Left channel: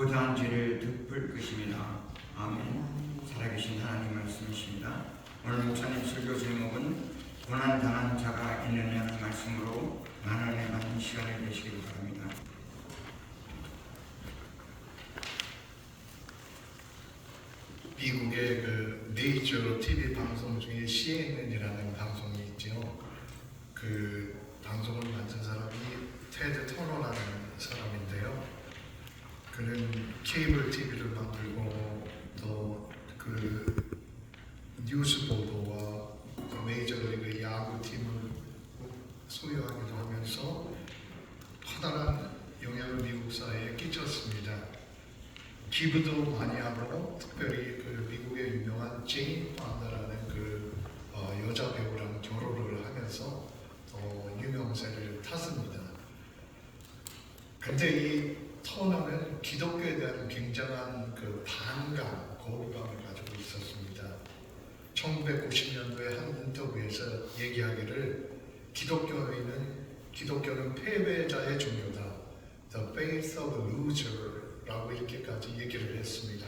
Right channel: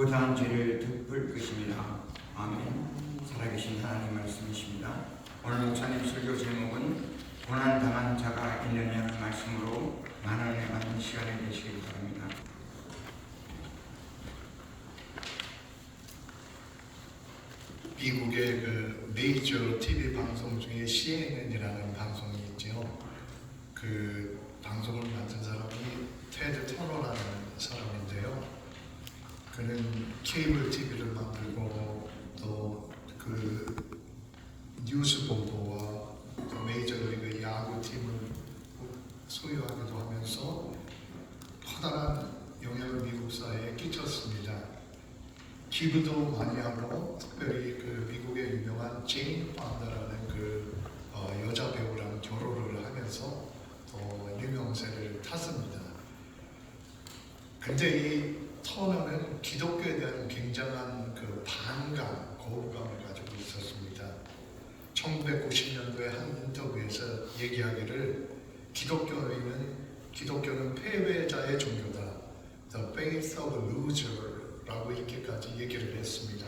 보다한 죄를 덮을 것입니다. 아멘. 살아계신 하나님 말씀이십니다. 오늘 목사님 설교 제목은 고난 당한 자가 있느냐 말씀으로 나누어 받는 시간이 되시길 바랍니다. 미국의 그 메이저 TV 방송 중에 CNN이라는 방송이 있죠. 그 방송을 만든 사람이 테드 터너라는 사람인데요. 그는 케이블 TV를 만들고 또 그 뉴스 보도와 메이저리그 야구팀을 소유하기도 하면서 커다란 영향을 미국 사회에 끼쳤습니다. 기부도 많이 하고 특별히 그 미국의 유명한 제인 판다라는 그 여자 배우랑 결혼을 하면서 유명세를 탔습니다. 근데 이 터너는 기독교에 대한 굉장한 그 반감, 거부감을 가지고 있었습니다. 1990년도에 한 인터뷰에서 얘기하기를 기독교는 패배자의 종교다. The faith of a loser 라고 이렇게까지 얘기를 했습니다.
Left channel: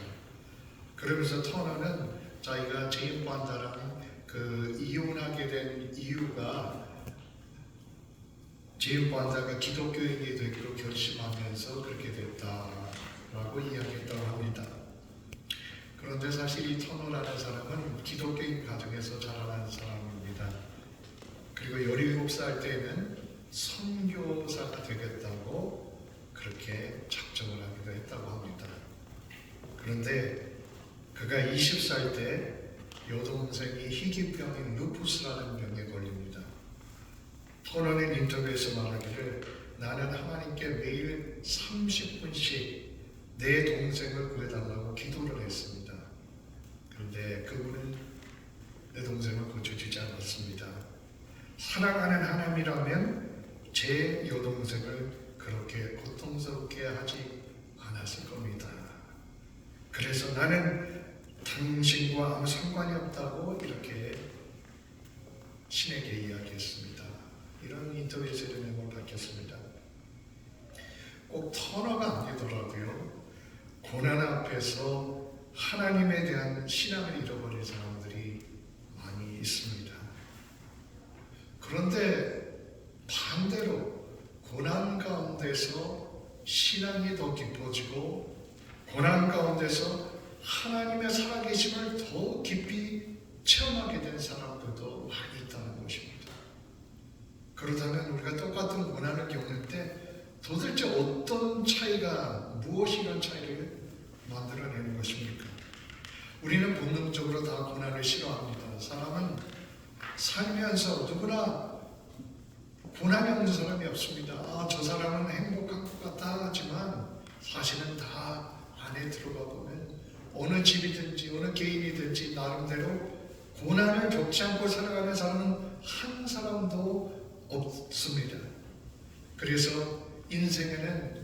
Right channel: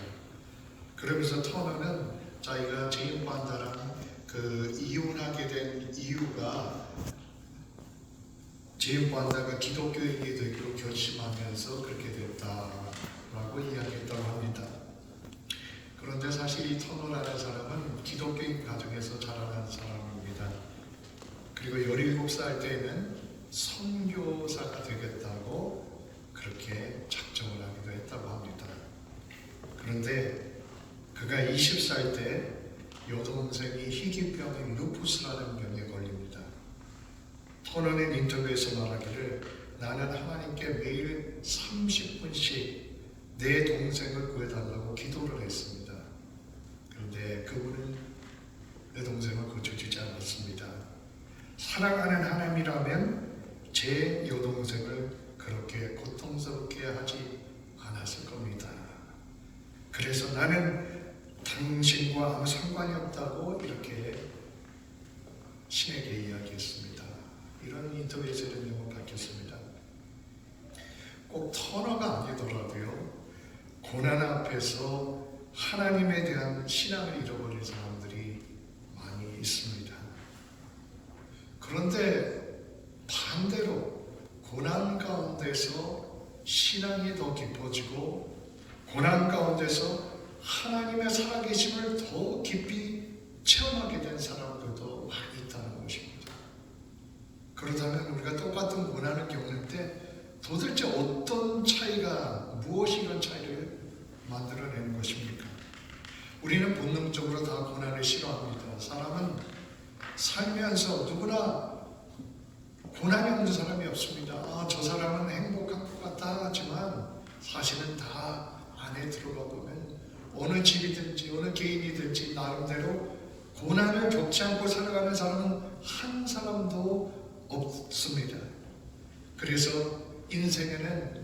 그러면서 터너는 자기가 제인 판다랑 그 이혼하게 된 이유가 제인 판다가 기독교인이 되기로 결심하면서 그렇게 됐다라고 이야기했다고 합니다. 그런데 사실 이 터너라는 사람은 기독교인 가정에서 자라난 사람입니다. 그리고 17살 때는 선교사가 되겠다고 그렇게 작정을 하기도 했다고 합니다. 그런데 그가 20살 때 여동생이 희귀병인 루푸스라는 병에 걸립니다. 터너는 인터뷰에서 말하기를 나는 하나님께 매일 30분씩 내 동생을 구해달라고 기도를 했습니다. 그런데 그분은 내 동생을 고쳐주지 않았습니다. 사랑하는 하나님이라면 제 여동생을 그렇게 고통스럽게 하지 않았을 겁니다. 그래서 나는 당신과 아무 상관이 없다고 이렇게 신에게 이야기했습니다. 이런 인터뷰에서 내용을 밝혔습니다. 꼭 터너가 아니더라도요, 고난 앞에서 하나님에 대한 신앙을 잃어버린 사람들이 많이 있습니다. 그런데 반대로 고난 가운데서 신앙이 더 깊어지고 고난 가운데서 하나님의 살아계심을 더 깊이 체험하게 된 사람들도 많이 있다는 것입니다. 그렇다면 우리가 똑같은 고난을 겪을 때 도대체 어떤 차이가, 무엇이 이런 차이를 만들어내는 것입니까? 우리는 본능적으로 다 고난을 싫어합니다. 사람은 살면서 누구나 고난이 없는 사람이 없습니다. 저 사람은 행복한 것 같다 하지만 사실은 다 안에 들어가 보면 어느 집이든지 어느 개인이든지 나름대로 고난을 겪지 않고 살아가는 사람은 한 사람도 없습니다. 그래서 인생에는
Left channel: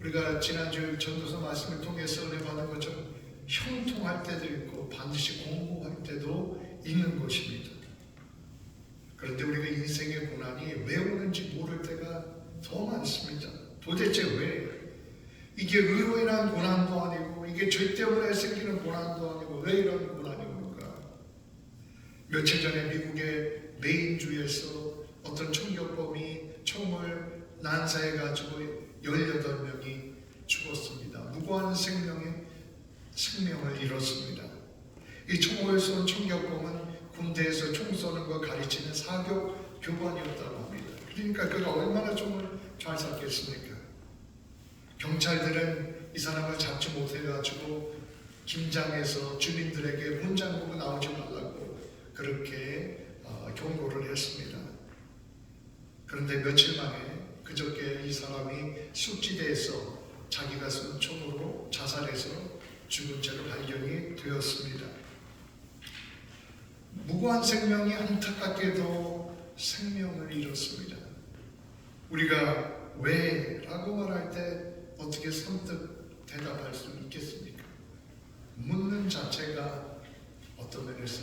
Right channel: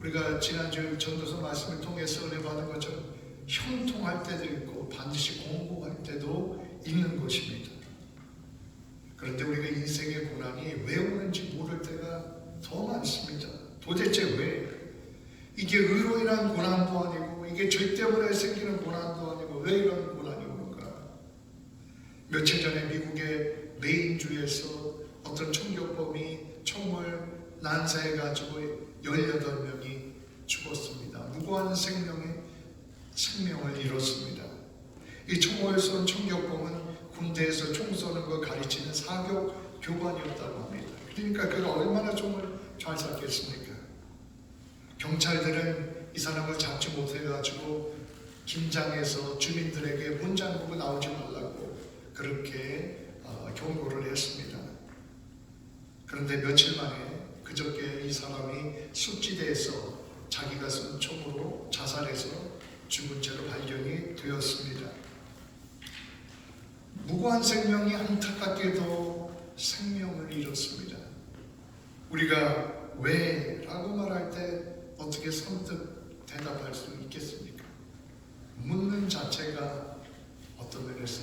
우리가 지난주 전도서 말씀을 통해서 은혜 받은 것처럼 형통할 때도 있고 반드시 공부할 때도 있는 것입니다. 그런데 우리가 인생의 고난이 왜 오는지 모를 때가 더 많습니다. 도대체 왜? 이게 의로 인한 고난도 아니고 이게 죄 때문에 생기는 고난도 아니고 왜 이런 고난이 올까? 며칠 전에 미국의 메인주에서 어떤 총격범이 총을 난사해가지고 18명이 죽었습니다. 무고한 생명을 잃었습니다. 이 총을 쏜 총격범은 군대에서 총 쏘는 거 가르치는 사격 교관이었다고 합니다. 그러니까 그가 얼마나 총을 잘 쐈겠습니까? 경찰들은 이 사람을 잡지 못해가지고 긴장해서 주민들에게 혼잣말로 나오지 말라고 그렇게 경고를 했습니다. 그런데 며칠 만에 그저께 이 사람이 습지대에서 자기가 쏜 총으로 자살해서 죽은 채로 발견이 되었습니다. 무고한 생명이 안타깝게도 생명을 잃었습니다. 우리가 왜? 라고 말할 때 어떻게 선뜻 대답할 수 있겠습니까? 묻는 자체가 어떤 면에서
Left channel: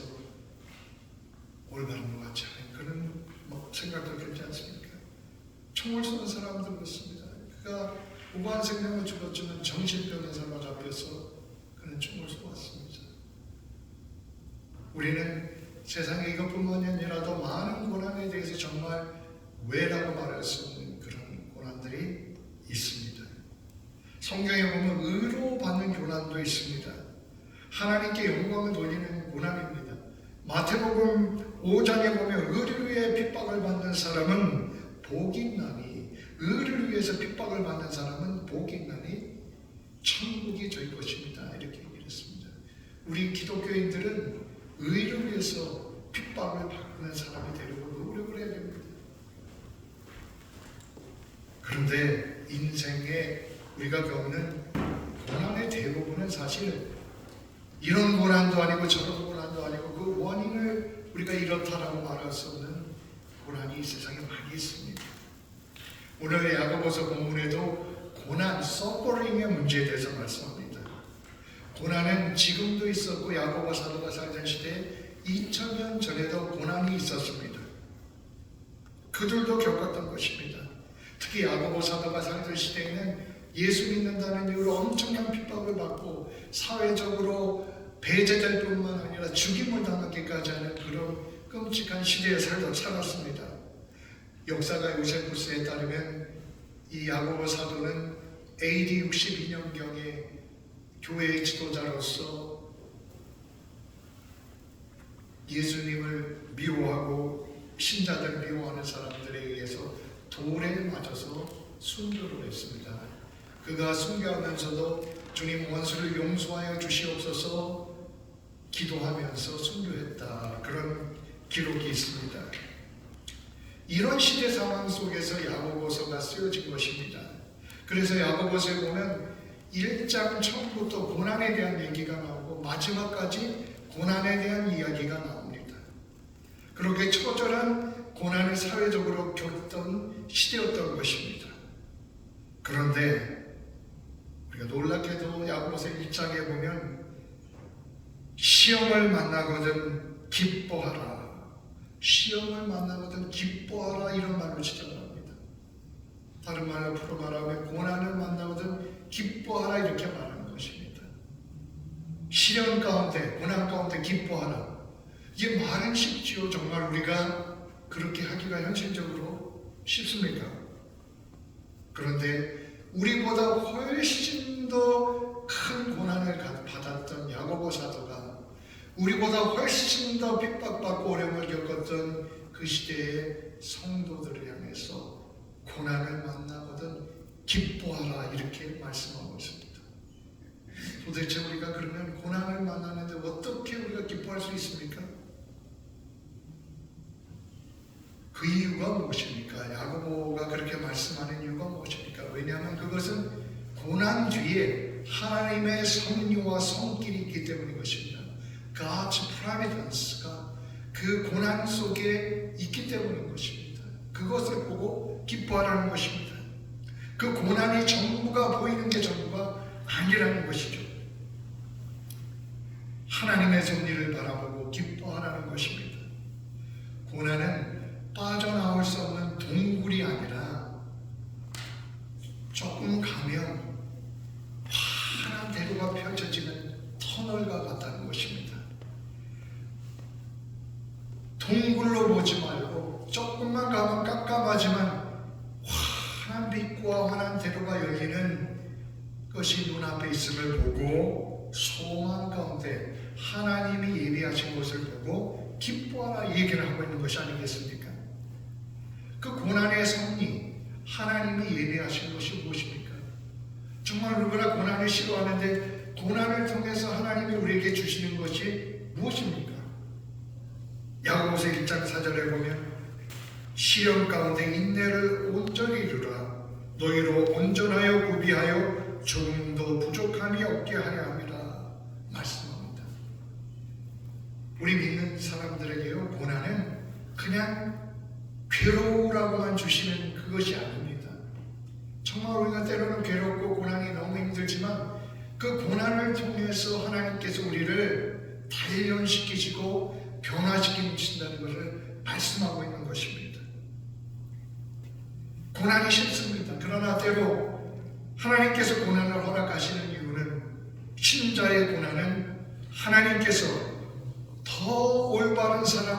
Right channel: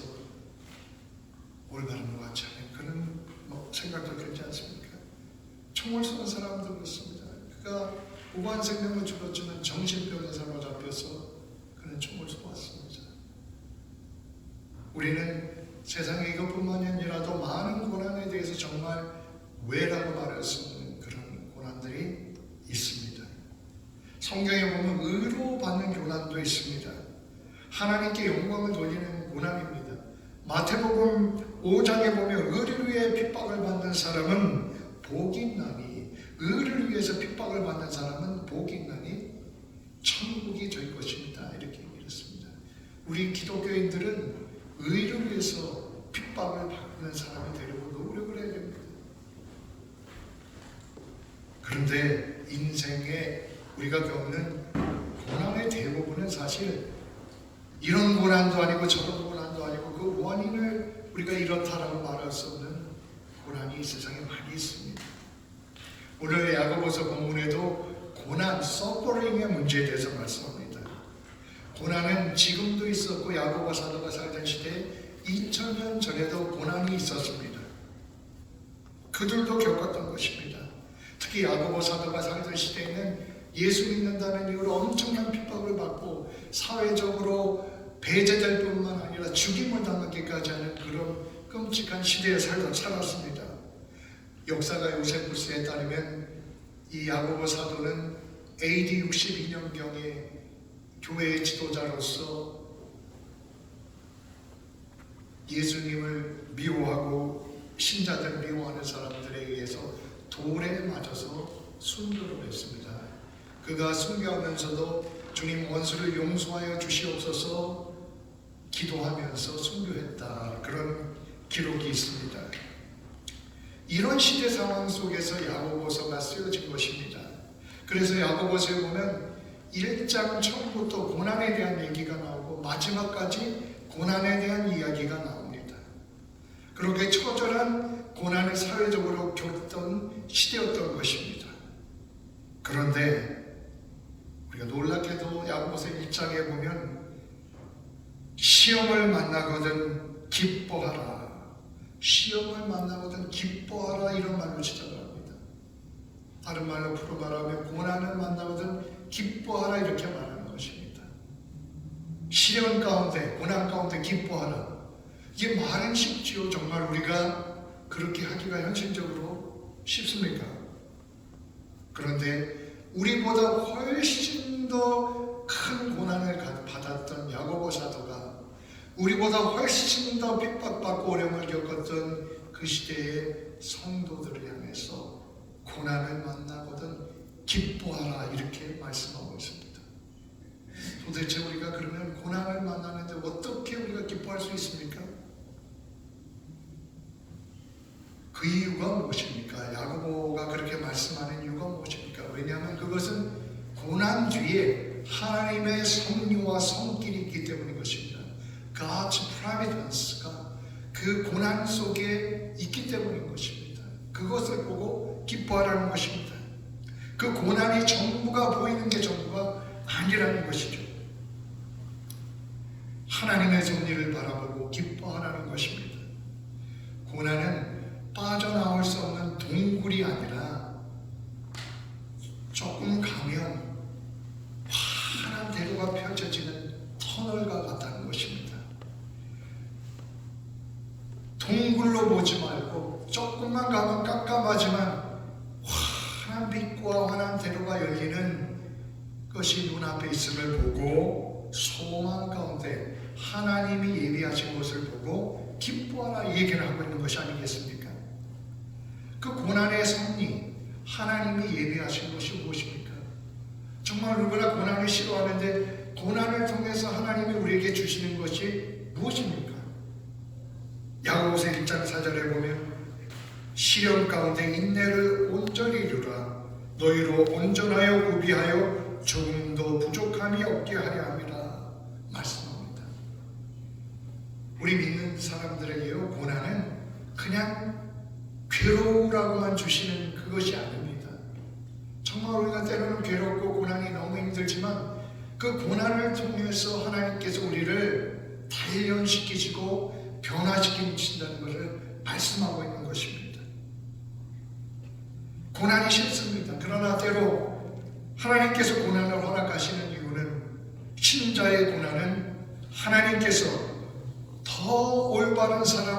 올바른 것 같지 않은 그런 생각도 들지 않습니까? 총을 쏘는 사람도 그렇습니다. 그가 무고한 생명을 죽었지만 정신병의 사람 세상에 이것뿐만이 아니라도 많은 고난에 대해서 정말 왜라고 말할 수 없는 그런 고난들이 있습니다. 성경에 보면 의로 받는 고난도 있습니다. 하나님께 영광을 돌리는 고난입니다. 마태복음 5장에 보면 의를 위해 핍박을 받는 사람은 복이 있나니, 의를 위해서 핍박을 받는 사람은 복이 있나니 천국이 될 것입니다. 이렇게 얘기했습니다. 우리 기독교인들은 의를 위해서 핍박을 받는 사람이 되려고 노력을 해야 됩니다. 그런데 인생에 우리가 겪는 고난의 대부분은 사실 이런 고난도 아니고 저런 고난도 아니고 그 원인을 우리가 이렇다라고 말할 수 없는 고난이 이 세상에 많이 있습니다. 오늘 야고보서 본문에도 고난, 서퍼링의 문제에 대해서 말씀합니다. 고난은 지금도 있었고 야고보 사도가 살던 시대에 2000년 전에도 고난이 있었습니다. 그들도 겪었던 것입니다. 특히 야고보 사도가 살던 시대에는 예수 믿는다는 이유로 엄청난 핍박을 받고 사회적으로 배제될 뿐만 아니라 죽임을 당하기까지 하는 그런 끔찍한 시대에 살았습니다. 역사가 요세푸스에 따르면 이 야고보 사도는 AD 62년경에 교회의 지도자로서 예수님을 미워하고 신자들을 미워하는 사람들에 의해서 돌에 맞아서 순교를 했습니다. 그가 순교하면서도 주님 원수를 용서하여 주시옵소서 기도하면서 순교했다. 그런 기록이 있습니다. 이런 시대 상황 속에서 야고보서가 쓰여진 것입니다. 그래서 야고보서에 보면 1장 처음부터 고난에 대한 얘기가 나오고 마지막까지 고난에 대한 이야기가 나옵니다. 그렇게 처절한 고난을 사회적으로 겪던 시대였던 것입니다. 그런데 우리가 놀랍게도 야고보서 1장에 보면 시험을 만나거든 기뻐하라, 시험을 만나거든 기뻐하라 이런 말로 시작합니다. 다른 말로 풀어 말하면 고난을 만나거든 기뻐하라 이렇게 말하는 것입니다. 시련 가운데, 고난 가운데 기뻐하라. 이게 말은 쉽지요. 정말 우리가 그렇게 하기가 현실적으로 쉽습니까? 그런데 우리보다 훨씬 더 큰 고난을 받았던 야고보 사도가 우리보다 훨씬 더 핍박받고 어려움을 겪었던 그 시대의 성도들을 향해서 고난을 만나거든 기뻐하라 이렇게 말씀하고 있습니다. 도대체 우리가 그러면 고난을 만나는데 어떻게 우리가 기뻐할 수 있습니까? 그 이유가 무엇입니까? 야고보가 그렇게 말씀하는 이유가 무엇입니까? 왜냐하면 그것은 고난 뒤에 하나님의 섭리와 손길이 있기 때문인 것입니다. God's providence가 그 고난 속에 있기 때문인 것입니다. 그것을 보고 기뻐하라는 것입니다. 그 고난이 전부가 보이는 게 전부가 아니라는 것이죠. 하나님의 섭리를 바라보고 기뻐하라는 것입니다. 고난은 빠져나올 수 없는 동굴이 아니라 조금 가면 환한 대로가 펼쳐지는 터널과 같다는 것입니다. 동굴로 보지 말고 조금만 가면 깜깜하지만 환한 빛과 환한 대로가 열리는 것이 눈앞에 있음을 보고 소망 가운데 하나님이 예비하신 것을 보고 기뻐하라 얘기를 하고 있는 것이 아니겠습니까? 그 고난의 섭리, 하나님이 예비하신 것이 무엇입니까? 정말 누구나 고난을 싫어하는데 고난을 통해서 하나님이 우리에게 주시는 것이 무엇입니까? 야고보서 1장 4절에 보면 시련 가운데 인내를 온전히 이루라. 너희로 온전하여 구비하여 조금도 부족함이 없게 하려 함이라 말씀합니다. 우리 믿는 사람들에게요, 고난은 그냥 괴로우라고만 주시는 그것이 아닙니다. 정말 우리가 때로는 괴롭고 고난이 너무 힘들지만 그 고난을 통해서 하나님께서 우리를 단련시키시고 변화시키신다는 것을 말씀하고 있는 것입니다. 고난이 싫습니다. 그러나 때로 하나님께서 고난을 허락하시는 이유는 신자의 고난은 하나님께서 더 올바른 삶을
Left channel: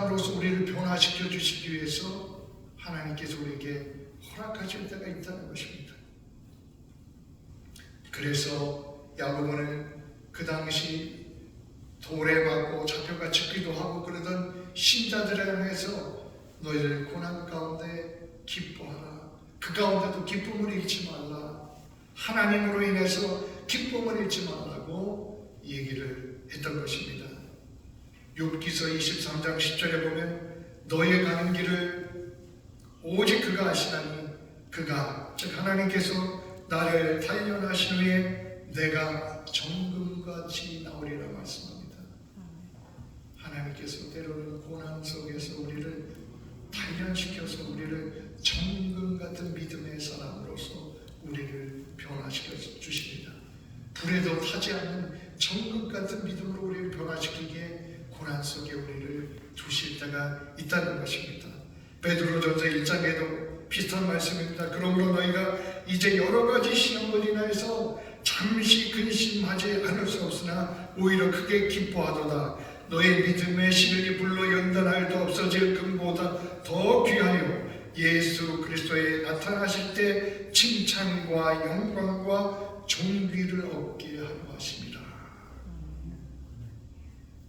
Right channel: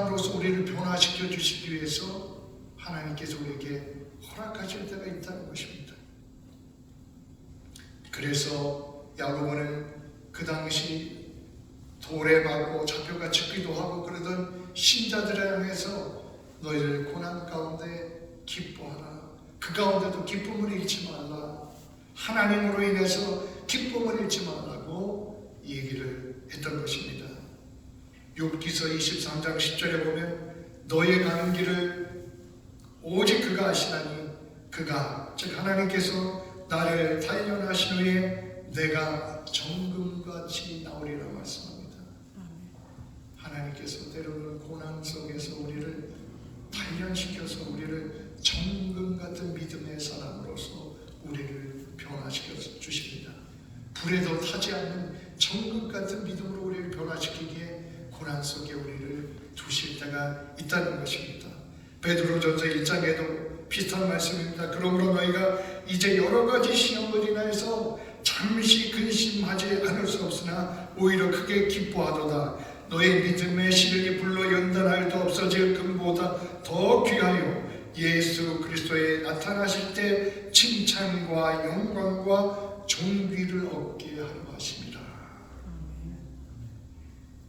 있다는 것입니다. 그래서 야고보는 그 당시 돌에 맞고 잡혀가 죽기도 하고 그러던 신자들에 향해서 너희들 고난 가운데 기뻐하라. 그 가운데도 기쁨을 잃지 말라. 하나님으로 인해서 기쁨을 잃지 말라고 얘기를 했던 것입니다. 욥기서 23장 10절에 보면 너의 가는 길을 오직 그가 아시나니 그가 즉 하나님께서 나를 단련하신 후에 내가 정금같이 나오리라 말씀합니다. 하나님께서 때로는 고난 속에서 우리를 단련시켜서 우리를 정금 같은 믿음의 사람으로서 우리를 변화시켜 주십니다. 불에도 타지 않는 정금 같은 믿음으로 우리를 변화시키기에 고난 속에 우리를 두실 때가 있다는 것입니다. 베드로전서 1장에도 비슷한 말씀입니다. 그러므로 너희가 이제 여러 가지 시험을 인하여서 잠시 근심하지 않을 수 없으나 오히려 크게 기뻐하도다. 너희 믿음의 시련이 불러 연단할 때 없어질 금보다 더 귀하여 예수 그리스도에 나타나실 때 칭찬과 영광과 존귀를 얻게 하려 하십니다.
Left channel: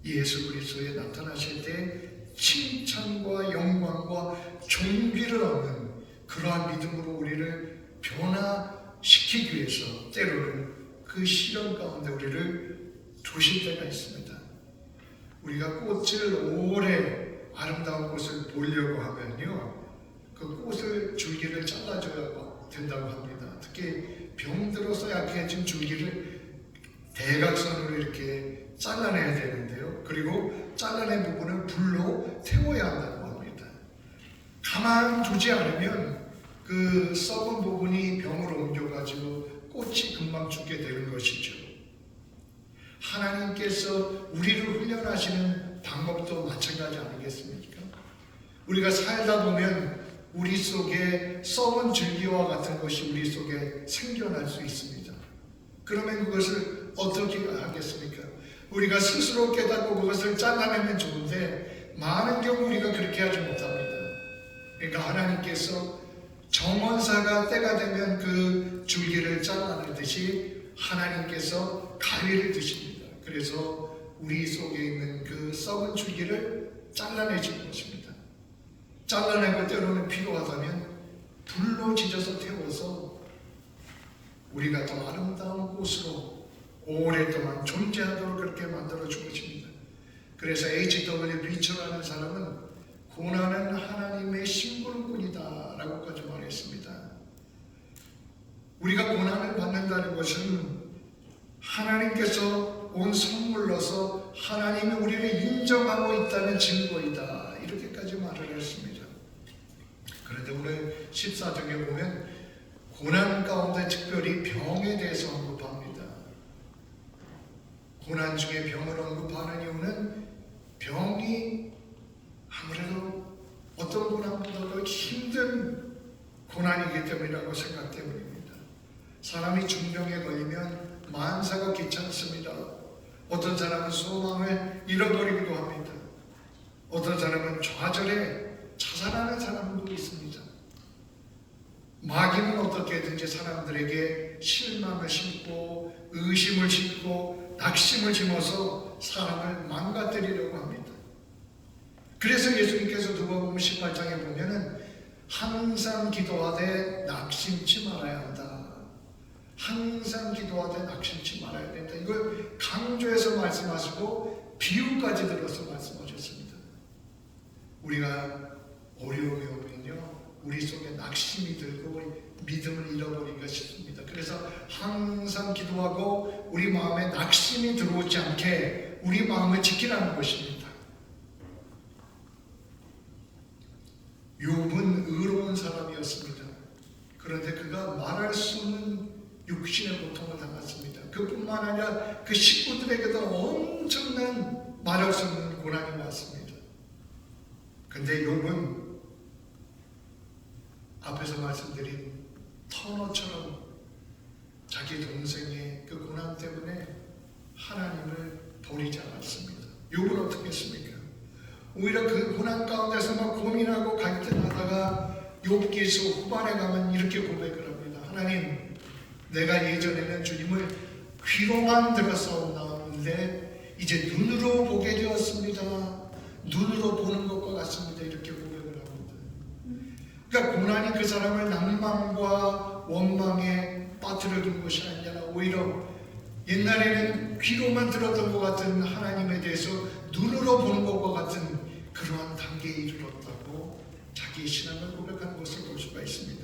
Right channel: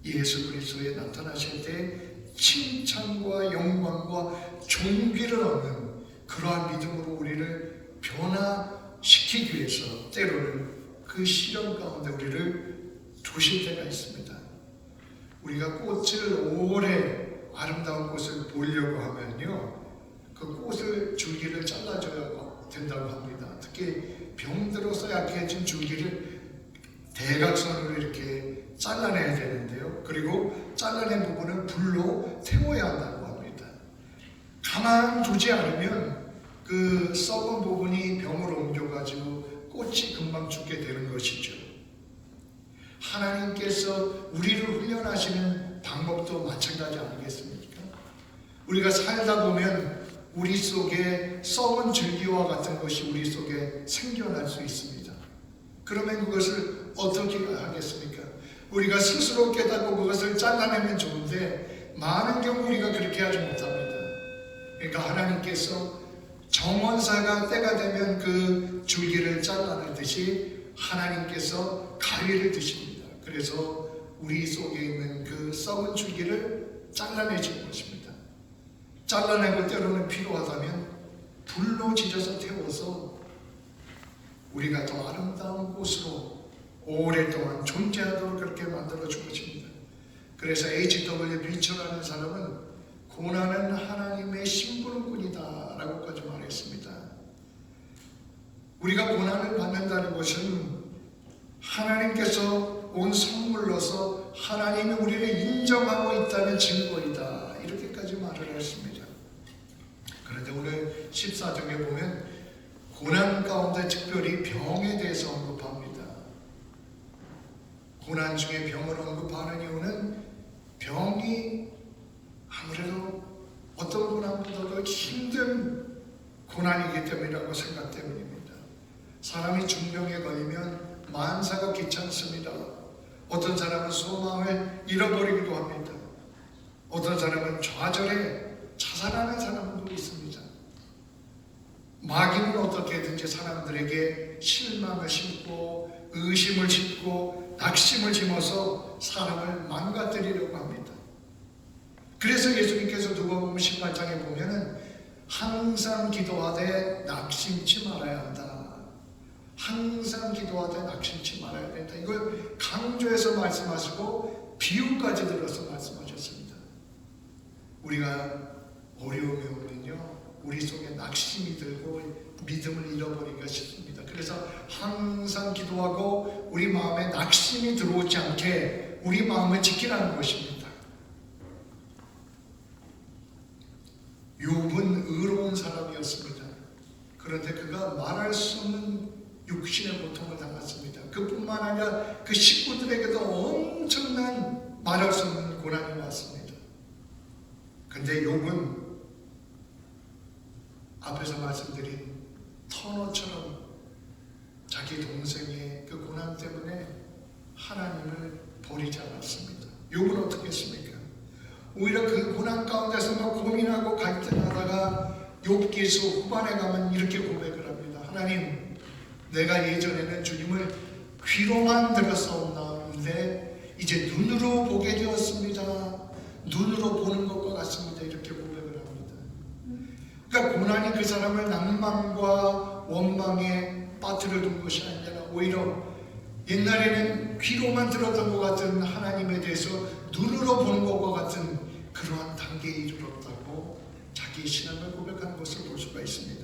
예수 그리스도에 나타나실 때 칭찬과 영광과 존귀를 얻는 그러한 믿음으로 우리를 변화시키기 위해서 때로는 그 시련 가운데 우리를 두실 때가 있습니다. 우리가 꽃을 오래 아름다운 꽃을 보려고 하면요, 그 꽃을 줄기를 잘라줘야 된다고 합니다. 특히 병들어서 약해진 줄기를 대각선으로 이렇게 잘라내야 되는데요. 그리고 잘라낸 부분을 불로 태워야 한다고 합니다. 가만두지 않으면 그 썩은 부분이 병으로 옮겨가지고 꽃이 금방 죽게 되는 것이죠. 하나님께서 우리를 훈련하시는 방법도 마찬가지 아니겠습니까? 우리가 살다 보면 우리 속에 썩은 줄기와 같은 것이 우리 속에 생겨날 수 있습니다. 그러면 그것을 어떻게 하겠습니까? 우리가 스스로 깨닫고 그것을 잘라내면 좋은데 많은 경우 우리가 그렇게 하지 못합니다. 그러니까 하나님께서 정원사가 때가 되면 그 줄기를 잘라내듯이 하나님께서 가위를 드십니다. 그래서 우리 속에 있는 그 썩은 줄기를 잘라내실 것입니다. 잘라내고 때로는 필요하다면 불로 지져서 태워서 우리가 더 아름다운 꽃으로 오랫동안 존재하도록 그렇게 만들어 주십니다. 그래서 H.W. 리처라는 사람은 고난은 하나님의 심부름꾼이다 라고까지 말했습니다. 우리가 고난을 받는다는 것은 하나님께서 온 선물로서 하나님이 우리를 인정하고 있다는 증거이다 이렇게까지 말을 했습니다. 그런데 오늘 14장에 보면 고난 가운데 특별히 병에 대해서 언급합니다. 고난 중에 병을 언급하는 이유는 병이 아무래도 어떤 고난보다도 힘든 고난이기 때문이라고 생각되는입니다. 사람이 중병에 걸리면 만사가 귀찮습니다. 어떤 사람은 소망을 잃어버리기도 합니다. 어떤 사람은 좌절해 자살하는 사람도 있습니다. 마귀는 어떻게든지 사람들에게 실망을 심고 의심을 심고 낙심을 심어서 사람을 망가뜨리려고 합니다. 그래서 예수님께서 누가복음 18장에 보면은 항상 기도하되 낙심치 말아야 한다. 항상 기도하되 낙심치 말아야 된다. 이걸 강조해서 말씀하시고 비유까지 들어서 말씀하셨습니다. 우리가 어려움이 오면요, 우리 속에 낙심이 들고 믿음을 잃어버리기가 쉽습니다. 그래서 항상 기도하고 우리 마음에 낙심이 들어오지 않게 우리 마음을 지키라는 것입니다. 욥은 의로운 사람이었습니다. 그런데 그가 말할 수 없는 육신의 고통을 당했습니다. 그뿐만 아니라 그 식구들에게도 엄청난 말할 수 없는 고난이 왔습니다. 그런데 욥은 앞에서 말씀드린 터너처럼 자기 동생의 그 고난 때문에 하나님을 버리지 않았습니다. 욥은 어떻게 했습니까? 오히려 그 고난 가운데서 막 고민하고 갈등하다가 욥기서 후반에 가면 이렇게 고백을 하나님, 내가 예전에는 주님을 귀로만 들었었는데 이제 눈으로 보게 되었습니다. 눈으로 보는 것과 같습니다. 이렇게 고백을 합니다. 그러니까 고난이 그 사람을 낭만과 원망에 빠뜨려둔 것이 아니라 오히려 옛날에는 귀로만 들었던 것 같은 하나님에 대해서 눈으로 보는 것과 같은 그러한 단계에 이르렀다고 자기의 신앙을 고백하는 것을 볼 수가 있습니다.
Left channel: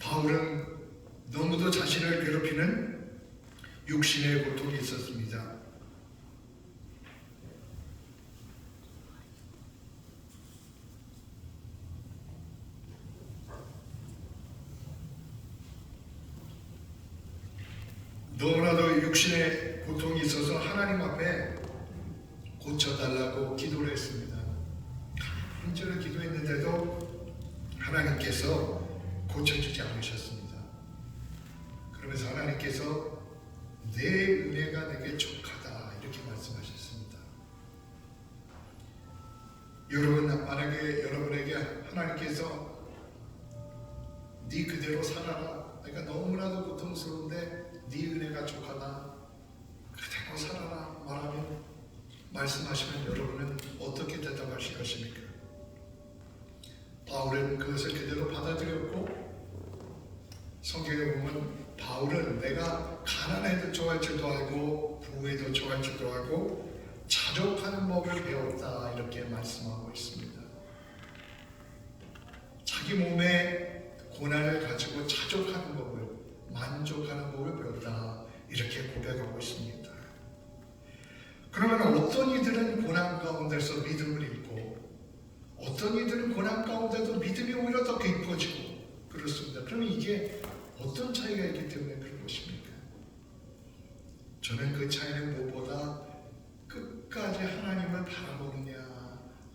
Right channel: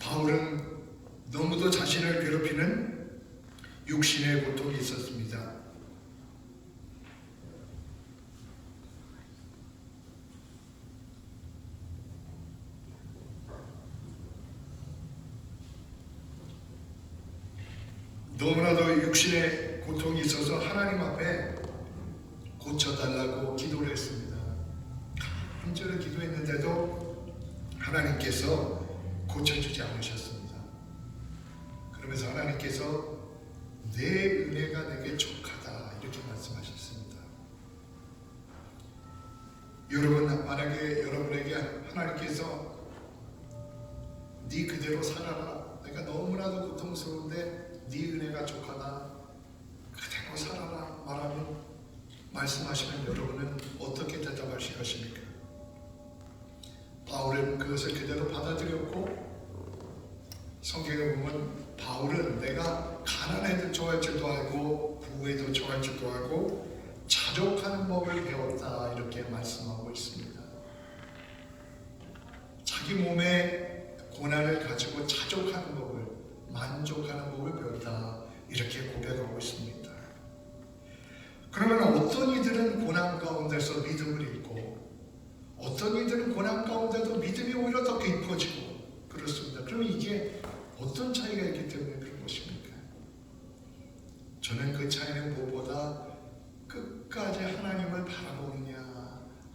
바울은 너무도 자신을 괴롭히는 육신의 고통이 있었습니다. 너무나도 육신의 고통이 있어서 하나님 앞에 고쳐달라고 기도를 했습니다. 간절히 기도했는데도 하나님께서 고쳐주지 않으셨습니다. 그러면서 하나님께서 내 은혜가 내게 족하다 이렇게 말씀하셨습니다. 여러분, 만약에 여러분에게 하나님께서 네 그대로 살아라, 내가 너무나도 고통스러운데 네 은혜가 족하다, 그대로 살아라 말씀하시면 여러분은 어떻게 대답하실 것입니까? 바울은 그것을 그대로 받아들였고, 성경에 보면 바울은 내가 가난에도 처할 줄도 알고 부에도 처할 줄도 알고 자족하는 법을 배웠다 이렇게 말씀하고 있습니다. 자기 몸에 고난을 가지고 자족하는 법을, 만족하는 법을 배웠다 이렇게 고백하고 있습니다. 그러면 어떤 이들은 고난 가운데서 믿음을 잃고 어떤 이들은 고난 가운데도 믿음이 오히려 더 깊어지고 그렇습니다. 그럼 이게 어떤 차이가 있기 때문에 그런 것입니까? 저는 그 차이는 무엇보다 끝까지 하나님을 바라보느냐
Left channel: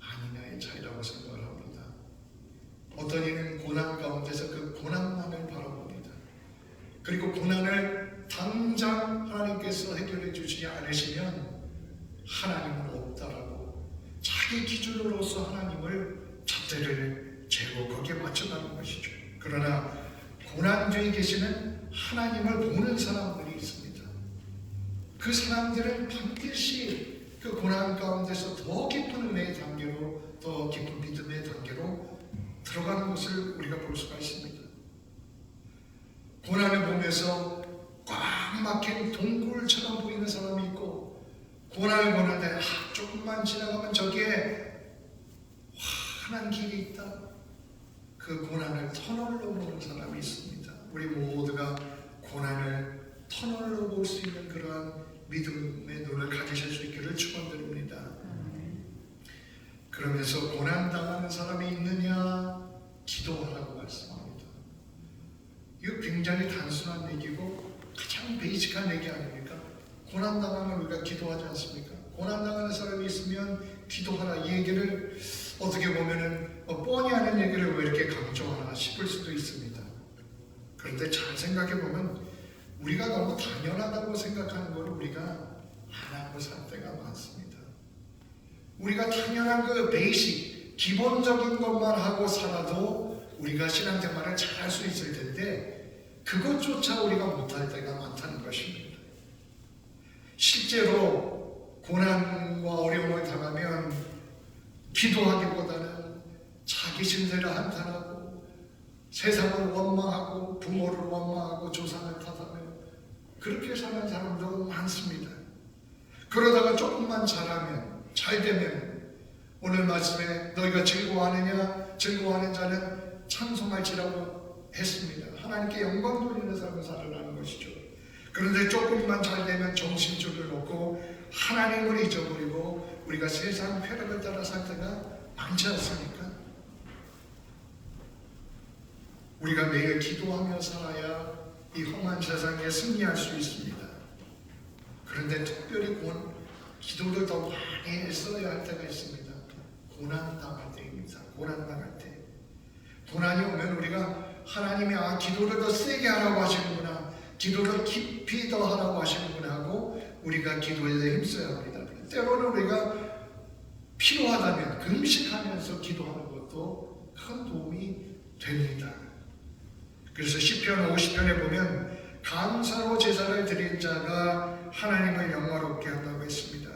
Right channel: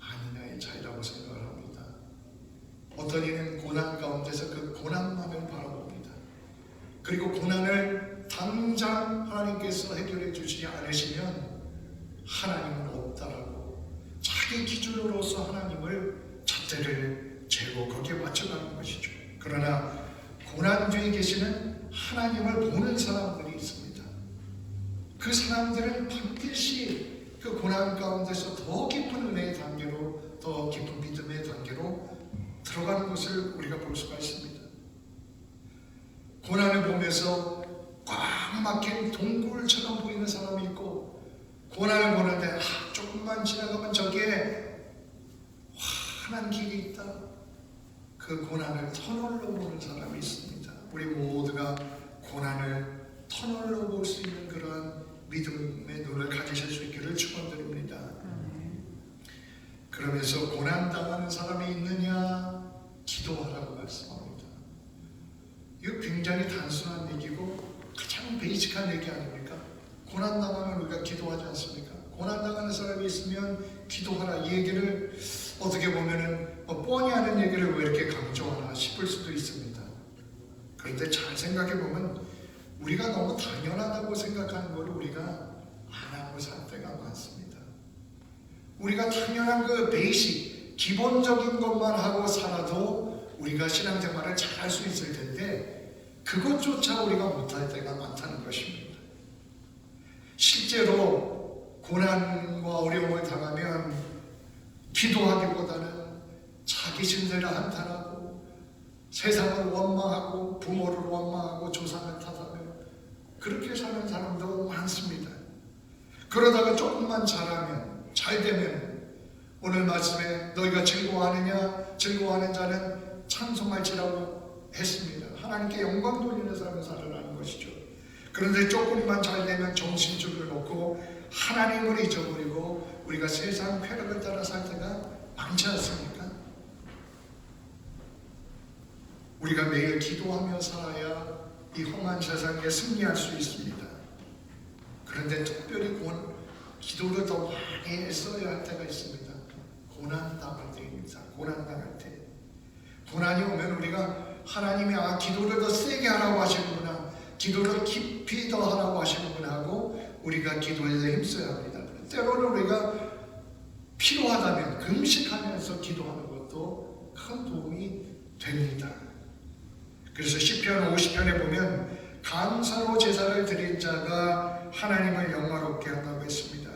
아니냐의 차이라고 생각을 합니다. 어떤 이는 고난 가운데서 그 고난만을 바라봅니다. 그리고 고난을 당장 하나님께서 해결해 주시지 않으시면 하나님은 없다라고 자기 기준으로서 하나님을 잣대를 재고 거기에 맞춰가는 것이죠. 그러나 고난 뒤에 계시는 하나님을 보는 사람들이 있습니다. 그 사람들은 반드시 그 고난 가운데서 더 깊은 은혜의 단계로, 더 깊은 믿음의 단계로 들어가는 것을 우리가 볼 수가 있습니다. 고난을 보면서 꽉 막힌 동굴처럼 보이는 사람이 있고, 고난을 보는데 조금만 지나가면 저기에 환한 길이 있다, 그 고난을 터널로 보는 사람이 있습니다. 우리 모두가 고난을 터널로 볼 수 있는 그러한 믿음의 눈을 가지실 수 있기를 축원드립니다. 그러면서 고난당하는 사람이 있느냐 기도하라고 말씀합니다. 이거 굉장히 단순한 얘기고 가장 베이직한 얘기 아닙니까? 고난당하면 우리가 기도하지 않습니까? 고난당하는 사람이 있으면 기도하라, 이 얘기를 어떻게 보면은 뻔히 하는 얘기를 왜 이렇게 강조하나 싶을 수도 있습니다. 그런데 잘 생각해 보면 우리가 너무 당연하다고 생각하는 것을 우리가 안 하고 살 때가 많습니다. 우리가 당연한 그 베이식, 기본적인 것만 하고 살아도 우리가 신앙생활을 잘 할 수 있을 텐데 그것조차 우리가 못할 때가 많다는 것입니다. 실제로 고난과 어려움을 당하면 기도하기보다는 자기 신세를 한탄하고 세상을 원망하고 부모를 원망하고 조상을 탓하며 그렇게 사는 사람도 많습니다. 그러다가 조금만 잘하면, 잘되면 오늘 말씀에 너희가 즐거워하느냐, 즐거워하는 자는 찬송할지라고 했습니다. 하나님께 영광 돌리는 삶을 살아라는 것이죠. 그런데 조금만 잘되면 정신줄을 놓고 하나님을 잊어버리고 우리가 세상 쾌락을 따라 살 때가 많지 않습니까? 우리가 매일 기도하며 살아야 이 험한 세상에 승리할 수 있습니다. 그런데 특별히 기도를 더 많이 했어야 할 때가 있습니다. 고난당할 때입니다. 고난당할 때. 고난이 오면 우리가 하나님이 기도를 더 세게 하라고 하시는구나, 기도를 깊이 더 하라고 하시는구나 하고 우리가 기도에 힘써야 합니다. 때로는 우리가 필요하다면 금식하면서 기도하는 것도 큰 도움이 됩니다. 그래서 시편 50편에 보면 감사로 제사를 드린 자가 하나님을 영화롭게 한다고 했습니다.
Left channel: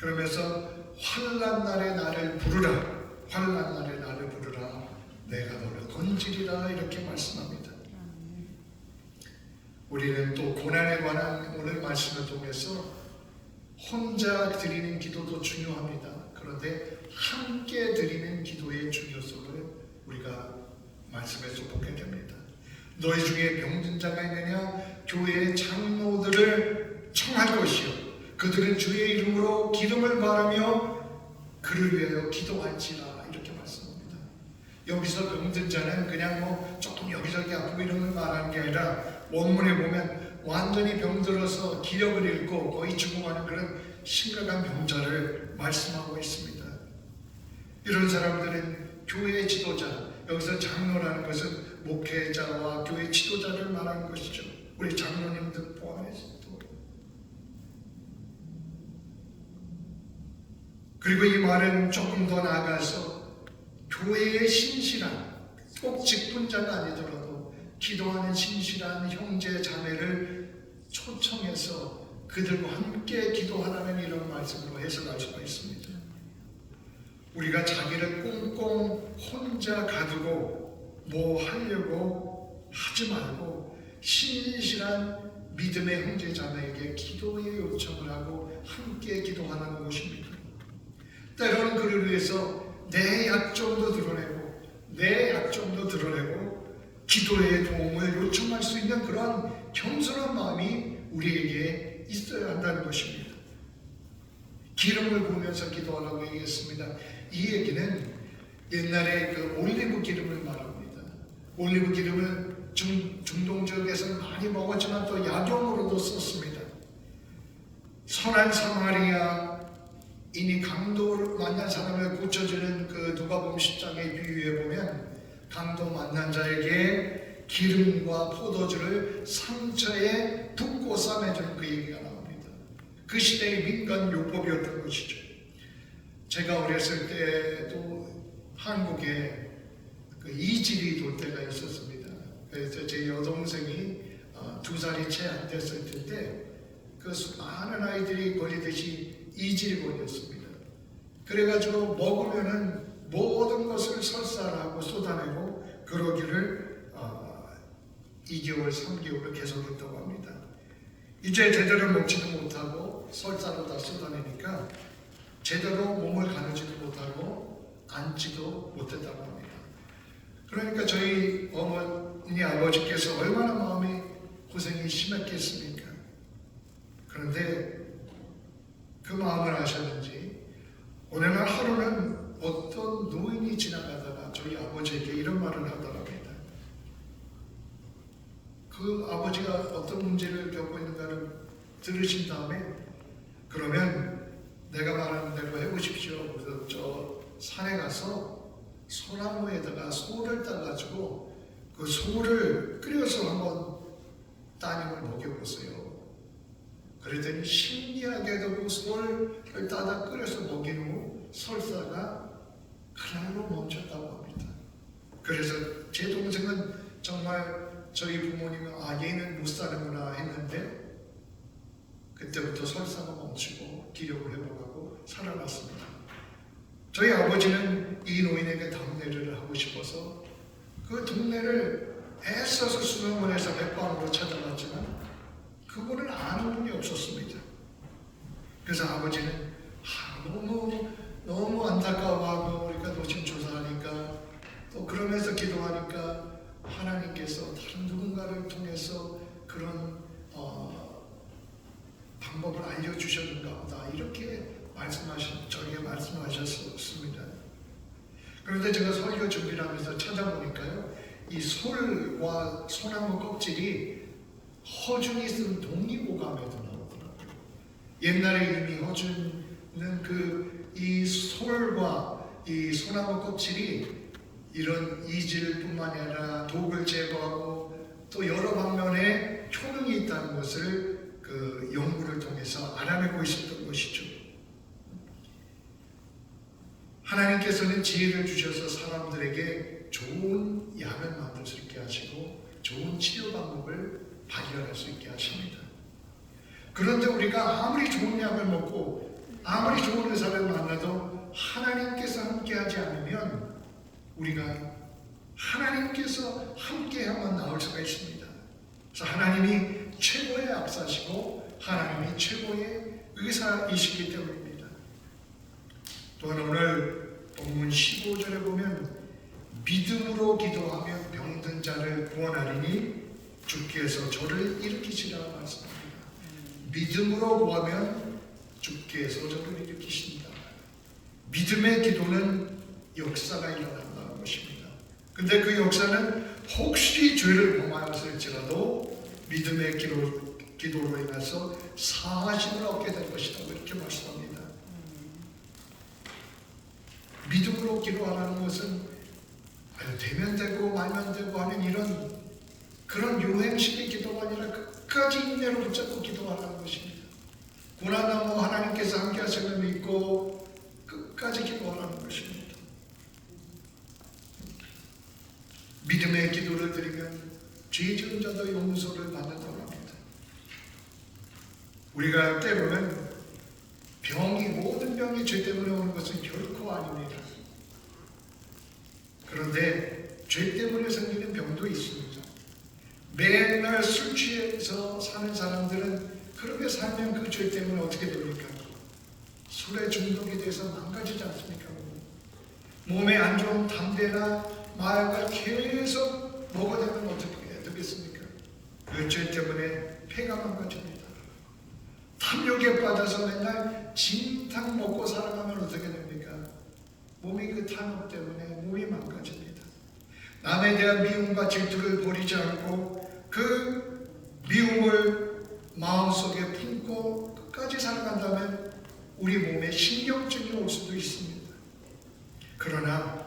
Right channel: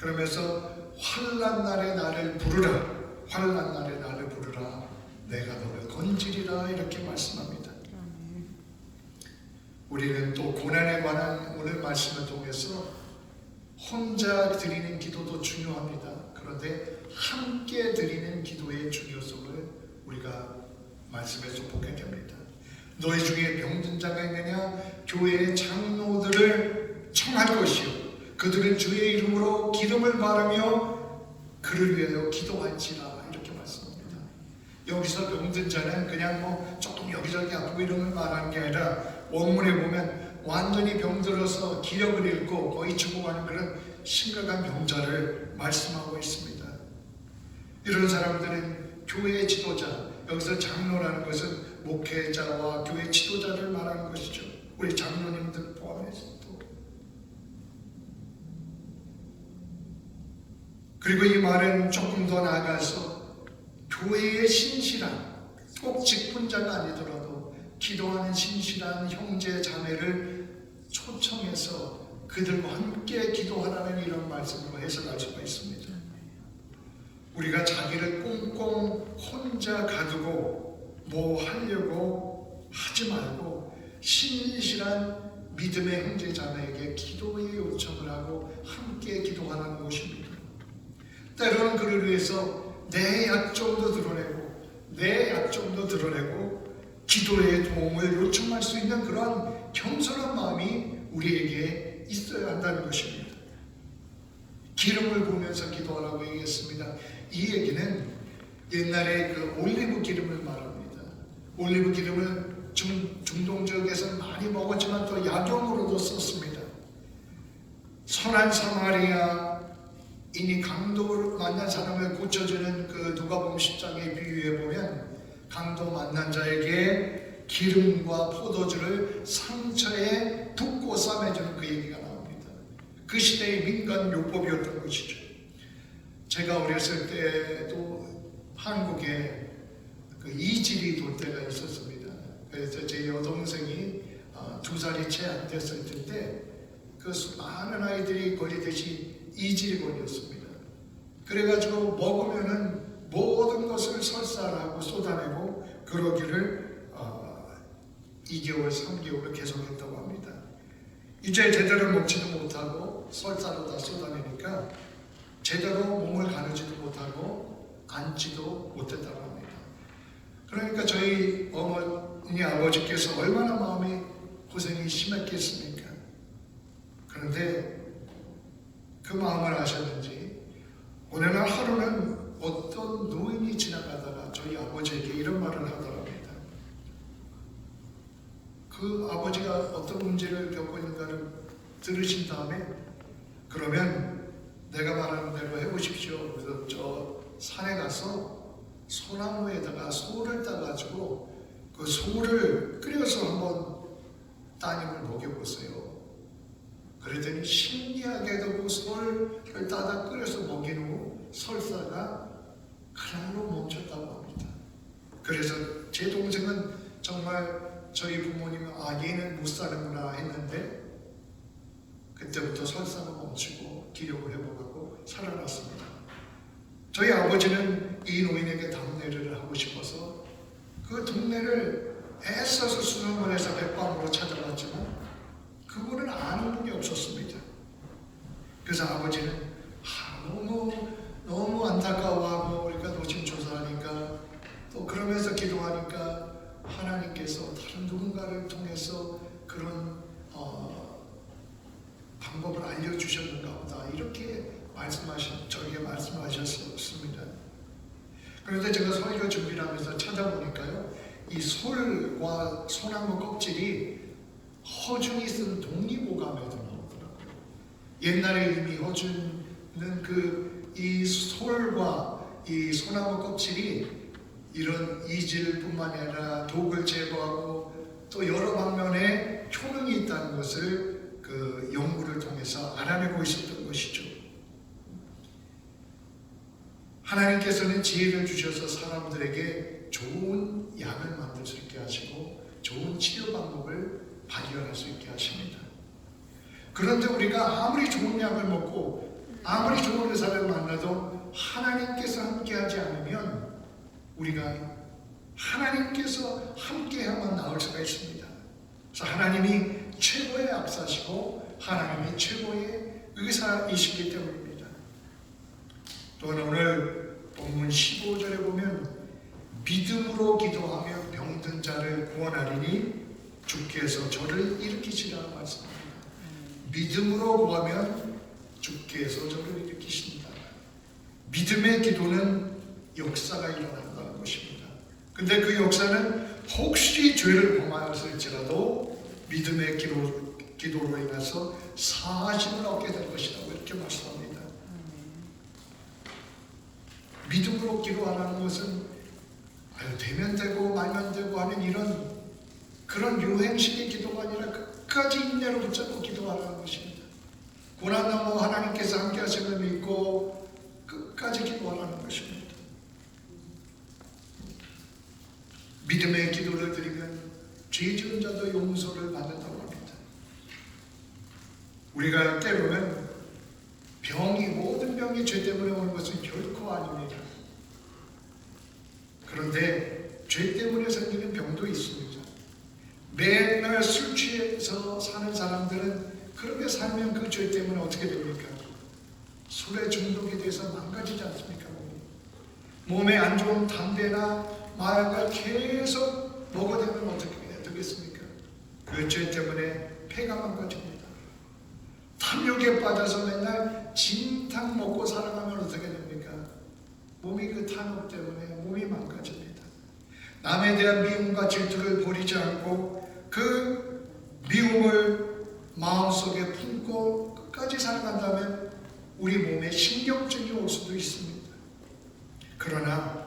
그러면서 환난 날에 나를 부르라, 환난 날에 나를 부르라, 내가 너를 건지리라, 이렇게 말씀합니다. 우리는 또 고난에 관한 오늘 말씀을 통해서 혼자 드리는 기도도 중요합니다. 그런데 함께 드리는 기도의 중요성을 우리가 말씀에서 보게 됩니다. 너희 중에 병든 자가 있느냐? 교회의 장로들을 청할 것이요, 그들은 주의 이름으로 기름을 바르며 그를 위하여 기도할지라, 이렇게 말씀합니다. 여기서 병든 자는 그냥 조금 여기저기 아프고 이런 걸 말하는 게 아니라 원문에 보면 완전히 병들어서 기력을 잃고 거의 죽어가는 그런 심각한 병자를 말씀하고 있습니다. 이런 사람들은 교회의 지도자, 여기서 장로라는 것은 목회자와 교회 지도자를 말하는 것이죠. 우리 장로님들 포함해서. 그리고 이 말은 조금 더 나아가서 교회의 신실한, 꼭 직분자가 아니더라도 기도하는 신실한 형제 자매를 초청해서 그들과 함께 기도하라는 이런 말씀으로 해석할 수가 있습니다. 우리가 자기를 꽁꽁 혼자 가두고 뭐 하려고 하지 말고 신실한 믿음의 형제 자매에게 기도의 요청을 하고 함께 기도하는 것입니다. 때로는 그를 위해서 내 약점도 드러내고 기도의 도움을 요청할 수 있는 그런 겸손한 마음이 우리에게 있어야 한다는 것입니다. 기름을 부으면서 기도하라고 얘기했습니다. 이 얘기는 옛날에 그 올리브 기름을 말합니다. 올리브 기름은 중동 지역에서 많이 먹었지만 또 약용으로도 썼습니다. 선한 사마리아인이 강도를 만난 사람을 고쳐주는 그 누가복음 10장의 비유에 보면 강도 만난 자에게 기름과 포도주를 상처에 붓고 싸매주는 그 얘기가 나옵니다. 그 시대의 민간 율법이었던 것이죠. 제가 어렸을 때도 한국에 그 이질이 돌 때가 있었습니다. 그래서 제 여동생이 2살이 채 안 됐을 텐데 그 많은 아이들이 걸리듯이 이질이 걸렸습니다. 그래가지고 먹으면은 모든 것을 설사하고 쏟아내고 그러기를 2개월, 3개월을 계속했다고 합니다. 이제 제대로 먹지도 못하고 설사로 다 쏟아내니까 제대로 몸을 가누지도 못하고 앉지도 못했다고 합니다. 그러니까 저희 어머니 아버지께서 얼마나 마음이 고생이 심했겠습니까? 그런데 그 마음을 아셨는지 어느 날 하루는 어떤 노인이 지나가다가 저희 아버지에게 이런 말을 하더랍니다. 그 아버지가 어떤 문제를 겪고 있는가를 들으신 다음에 그러면 내가 말하는 대로 해보십시오. 그래서 저 산에 가서 소나무에다가 소를 따가지고 그 소를 끓여서 한번 따님을 먹여보세요. 그랬더니 신기하게도 그 소를 따다 끓여서 먹인 후 설사가 그날로 멈췄다고 합니다. 그래서 제 동생은 정말 저희 부모님은 얘는 못 사는구나 했는데 그때부터 설사가 멈추고 기력을 회복하고 살아났습니다. 저희 아버지는 이 노인에게 답례를 하고 싶어서 그 동네를 애써서 수능을 해서 백방으로 찾아갔지만 그분은 아는 분이 없었습니다. 그래서 아버지는 너무 안타까워하고 그러니까 노심초사하니까 또 그러면서 기도하니까 하나님께서 다른 누군가를 통해서 그런 방법을 알려주셨는가 보다 이렇게 저에게 말씀하셨습니다. 그런데 제가 설교 준비를 하면서 찾아보니까요, 이 솔과 소나무 껍질이 허준이 쓴 독립오감에도 나오더라고요. 옛날에 이미 허준은 이 솔과 이 소나무 껍질이 이런 이질뿐만 아니라 독을 제거하고 또 여러 방면에 효능이 있다는 것을 그 연구를 통해서 알아내고 있었던 것이죠. 하나님께서는 지혜를 주셔서 사람들에게 좋은 약을 만들 수 있게 하시고 좋은 일어날 수 있게 하십니다. 그런데 우리가 아무리 좋은 약을 먹고 아무리 좋은 의사를 만나도 하나님께서 함께하지 않으면 우리가 하나님께서 함께하면 나올 수가 있습니다. 그래서 하나님이 최고의 앞사시고 하나님이 최고의 의사이시기 때문입니다. 또한 오늘 본문 15절에 보면 믿음으로 기도하며 병든 자를 구원하리니 주께서 저를 일으키시라고 말씀합니다. 믿음으로 구하면 주께서 저를 일으키신다. 믿음의 기도는 역사가 일어난다는 것입니다. 근데 그 역사는 혹시 죄를 범하였을지라도 믿음의 기도로 인해서 사하심을 얻게 될 것이라고 이렇게 말씀합니다. 믿음으로 기도하라는 것은 되면 되고 말면 되고 하는 이런 그런 유행식의 기도가 아니라 끝까지 인내를 붙잡고 기도하라는 것입니다. 고난하고 하나님께서 함께 하심을 믿고 끝까지 기도하라는 것입니다. 믿음의 기도를 드리면 죄 지은 자도 용서를 받는다고 합니다. 우리가 때로는 모든 병이 죄 때문에 오는 것은 결코 아닙니다. 그런데 죄 때문에 생기는 병도 있습니다. 매일 술 취해서 사는 사람들은 그렇게 살면 그 죄 때문에 어떻게 됩니까? 술에 중독이 돼서 망가지지 않습니까? 몸에 안 좋은 담배나 마약을 계속 먹어대면 어떻게 되겠습니까? 그 죄 때문에 폐가 망가집니다. 탐욕에 빠져서 맨날 진탕 먹고 살아가면 어떻게 됩니까? 몸이 그 탐욕 때문에 몸이 망가집니다. 남에 대한 미움과 질투를 버리지 않고 그 미움을 마음속에 품고 끝까지 살아간다면 우리 몸에 신경증이 올 수도 있습니다. 그러나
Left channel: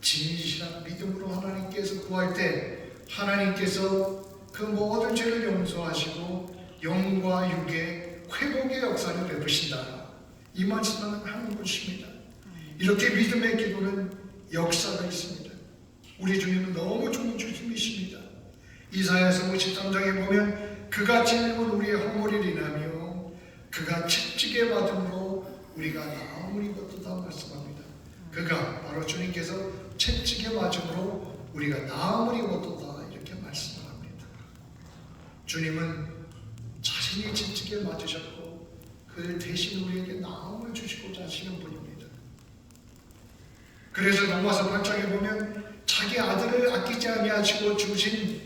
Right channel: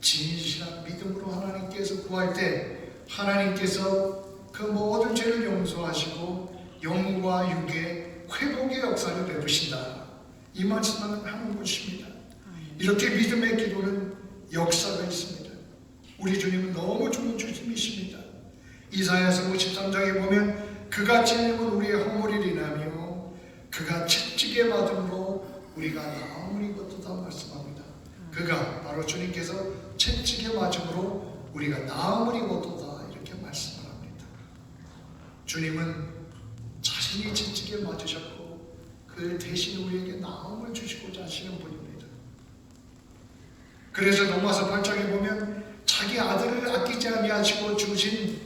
진실한 믿음으로 하나님께서 구할 때 하나님께서 그 모든 죄를 용서하시고 영과 육의 회복의 역사를 내부신다. 이 말씀을 하는 것입니다. 이렇게 믿음의 기도는 역사가 있습니다. 우리 주님은 너무 좋은 주님이십니다. 이사야서 53장에 보면 그가 찔림은 우리의 허물을 인하며 그가 채찍에 받음으로 우리가 나음을 입었다 말씀합니다. 그가 바로 주님께서 채찍에 맞음으로 우리가 나음을 입었다 이렇게 말씀합니다. 주님은 자신이 채찍에 맞으셨고 그 대신 우리에게 나음을 주시고자 하시는 분입니다. 그래서 로마서 8장에 보면 자기 아들을 아끼지 아니하시고 주신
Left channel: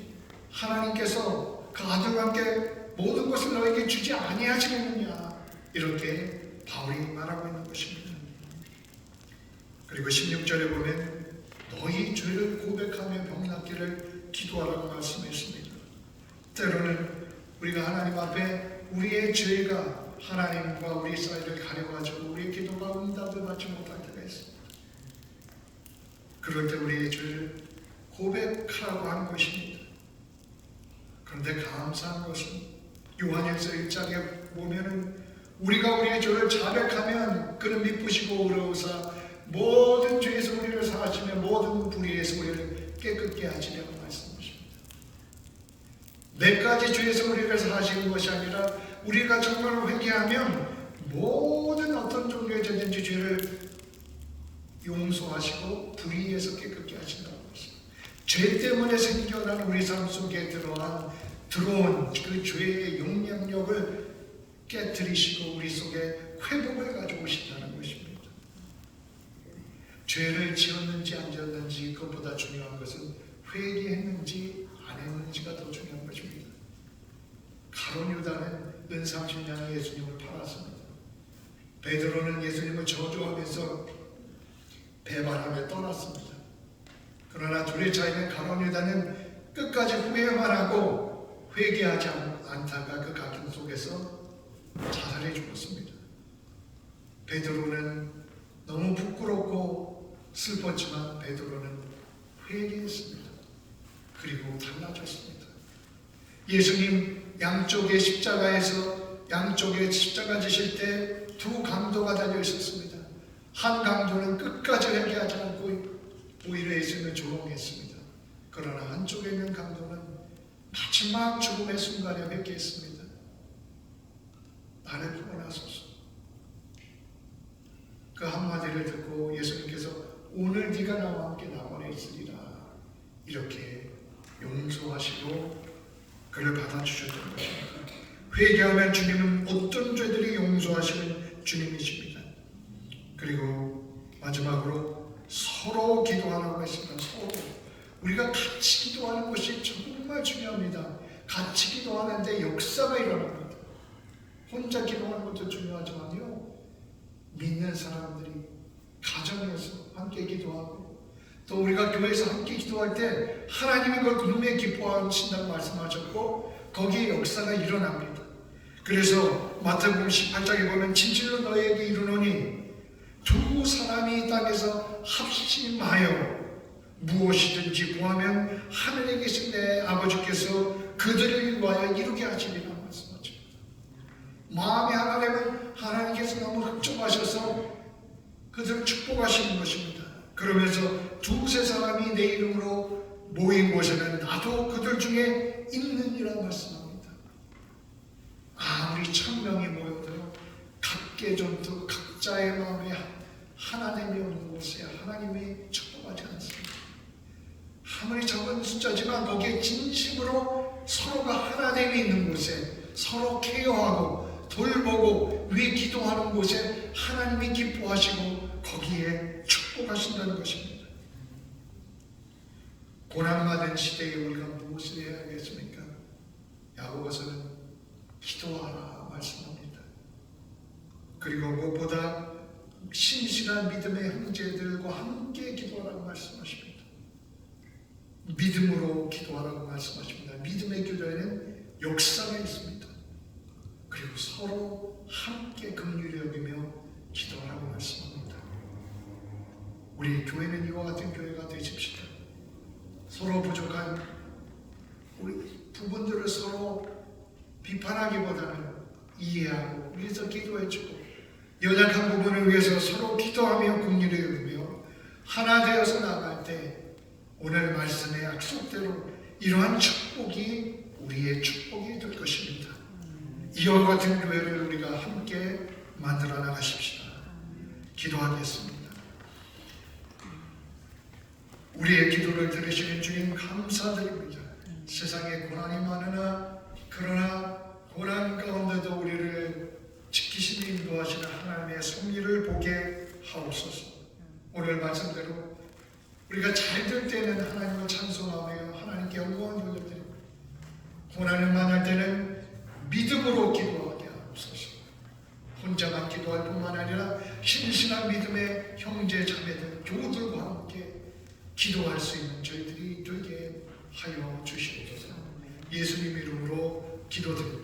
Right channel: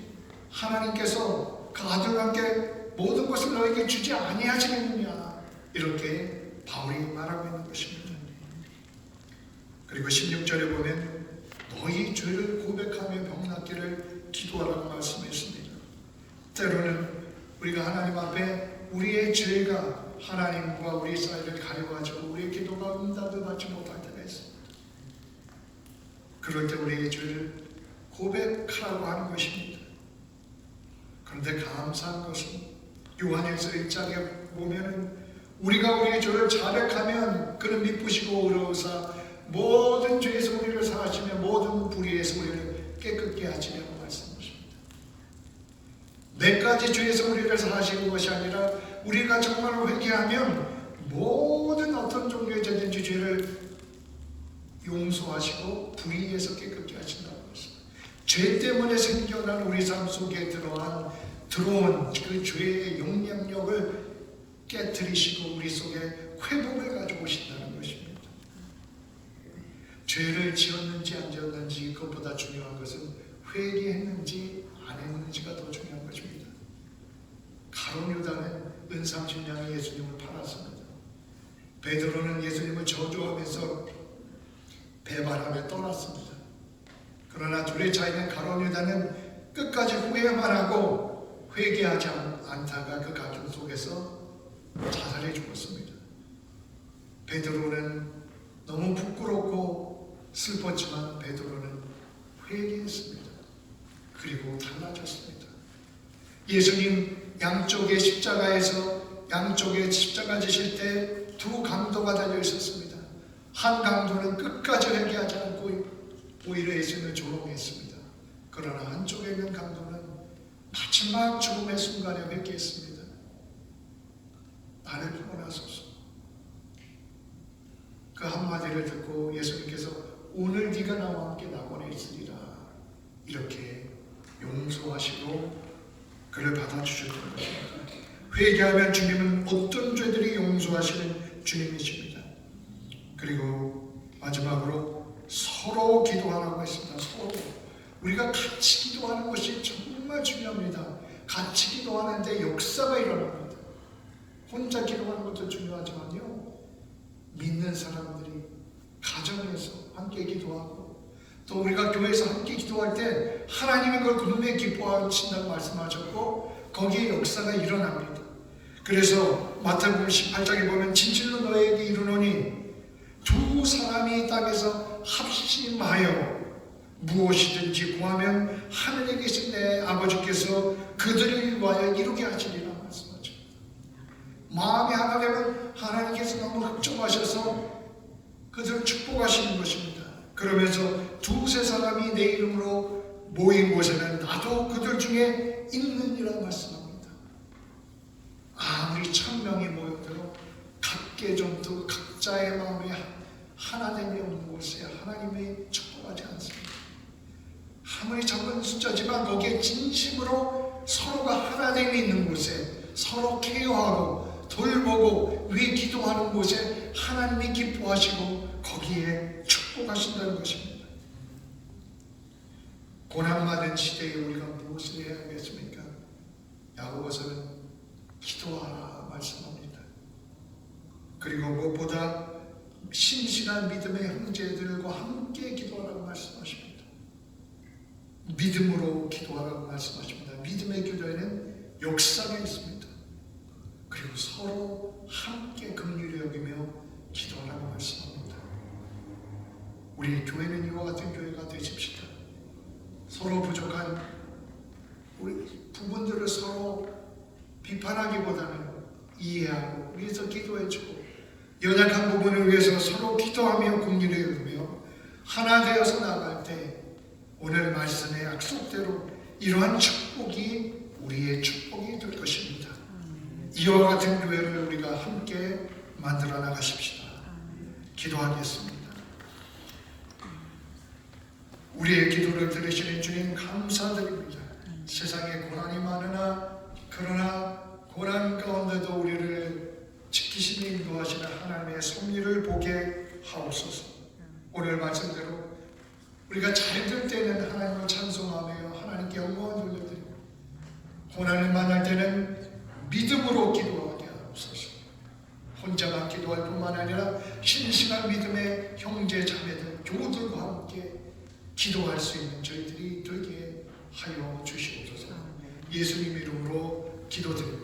하나님께서 그 아들과 함께 모든 것을 너에게 주지 아니하시느냐 이렇게 바울이 말하고 있는 것입니다. 그리고 16절에 보면 너희 죄를 고백하며 병낫기를 기도하라고 말씀했습니다. 때로는 우리가 하나님 앞에 우리의 죄가 하나님과 우리 사이를 가려가지고 우리의 기도가 응답받지 못할 때가 있습니다. 그럴 때 우리의 죄를 고백하라고 하는 것입니다. 그런데 감사한 것은 요한일서 1장에 보면 우리가 우리의 죄를 자백하면 그는 미쁘시고 의로우사 모든 죄에서 우리를 사하시며 모든 불의에서 우리를 깨끗게 하시려고 말씀하십니다. 몇 가지 죄에서 우리를 사하시는 것이 아니라 우리가 정말로 회개하면 모든 어떤 종류의 죄든지 죄를 용서하시고 불의에서 깨끗게 하신다고 했습니다. 죄 때문에 생겨난 우리 삶 속에 들어온 그 죄의 영향력을 깨뜨리시고 우리 속에 회복을 가지고 오신다는 것입니다. 죄를 지었는지 안 지었는지 그것보다 중요한 것은 회개했는지 안 했는지가 더 중요한 것입니다. 가룟 유다는 은삼십냥의 예수님을 팔았습니다. 베드로는 예수님을 저주하면서 배반하며 떠났습니다. 그러나 둘의 차이는 가룟 유다는 끝까지 후회만 하고 회개하지 않다가 그 갈등 속에서 자살해 죽었습니다. 베드로는 너무 부끄럽고 슬펐지만 베드로는 회개했습니다. 그리고 달라졌습니다. 예수님 양쪽에 십자가 지실 때 두 강도가 달려 있었습니다. 한 강도는 끝까지 회개하지 않고 오히려 예수님을 조롱했습니다. 그러나 한쪽에 있는 강도는 마지막 죽음의 순간에 뵙겠습니다. 나를 구원하소서. 그 한마디를 듣고 예수님께서 오늘 네가 나와 함께 낙원에 있으리라 이렇게 용서하시고 그를 받아주셨던 것입니다. 회개하면 주님은 어떤 죄들이 용서하시는 주님이십니다. 그리고 마지막으로 서로 기도하라고 했습니다. 서로 우리가 같이 기도하는 것이 정말 중요합니다. 같이 기도하는데 역사가 일어납니다. 혼자 기도하는 것도 중요하지만요, 믿는 사람들이 가정에서 함께 기도하고 또 우리가 교회에서 함께 기도할 때 하나님이 그걸 그놈에 기뻐하신다고 말씀하셨고 거기에 역사가 일어납니다. 그래서 마태복음 18장에 보면 진실로 너에게 이르노니 두 사람이 이 땅에서 합심하여 무엇이든지 구하면 하늘에 계신 내 아버지께서 그들을 위하여 이루게 하시리라 말씀하십니다. 마음이 하나 되면 하나님께서 너무 흡족하셔서 그들을 축복하시는 것입니다. 그러면서 두세 사람이 내 이름으로 모인 곳에는 나도 그들 중에 있느니라 말씀합니다. 아무리 천명이 모여도 각계 좀더 각자의 마음에 하나님이 없는 곳에 하나님이 축복하지 않습니다. 아무리 작은 숫자지만 거기에 진심으로 서로가 하나님이 있는 곳에 서로 케어하고 돌보고 위해 기도하는 곳에 하나님이 기뻐하시고 거기에 축복하신다는 것입니다. 고난받은 시대에 우리가 무엇을 해야 하겠습니까? 야고보서는 기도하라 말씀합니다. 그리고 무엇보다 신실한 믿음의 형제들과 함께 기도하라고 말씀하십니다. 믿음으로 기도하라고 말씀하십니다. 믿음의 기도에는 역사가 있습니다. 그리고 서로 함께 긍휼히 여기며 기도하라고 말씀합니다. 우리 교회는 이와 같은 교회가 되십시다. 서로 부족한 우리 부분들을 서로 비판하기보다는 이해하고 위해서 기도해주고 연약한 부분을 위해서 서로 기도하며 긍휼히 여기며 하나 되어서 나갈 때 오늘 말씀의 약속대로 이러한 축복이 우리의 축복이 될 것입니다. 이와 같은 교회를 우리가 함께 만들어 나가십시다. 기도하겠습니다. 우리의 기도를 들으시는 주님 감사드립니다. 세상에 고난이 많으나 그러나 고난 가운데도 우리를 지키시는 인도하시는 하나님의 섭리를 보게 하옵소서. 오늘 말씀대로 우리가 잘 될 때는 하나님을 찬송하며 하나님께 영광을 돌려드리고 고난을 만날 때는 믿음으로 기도하게 하옵소서. 혼자만 기도할 뿐만 아니라 신실한 믿음의 형제 자매들 교우들과 함께 기도할 수 있는 저희들이 되게 하여 주시옵소서. 예수님 이름으로 기도드립니다.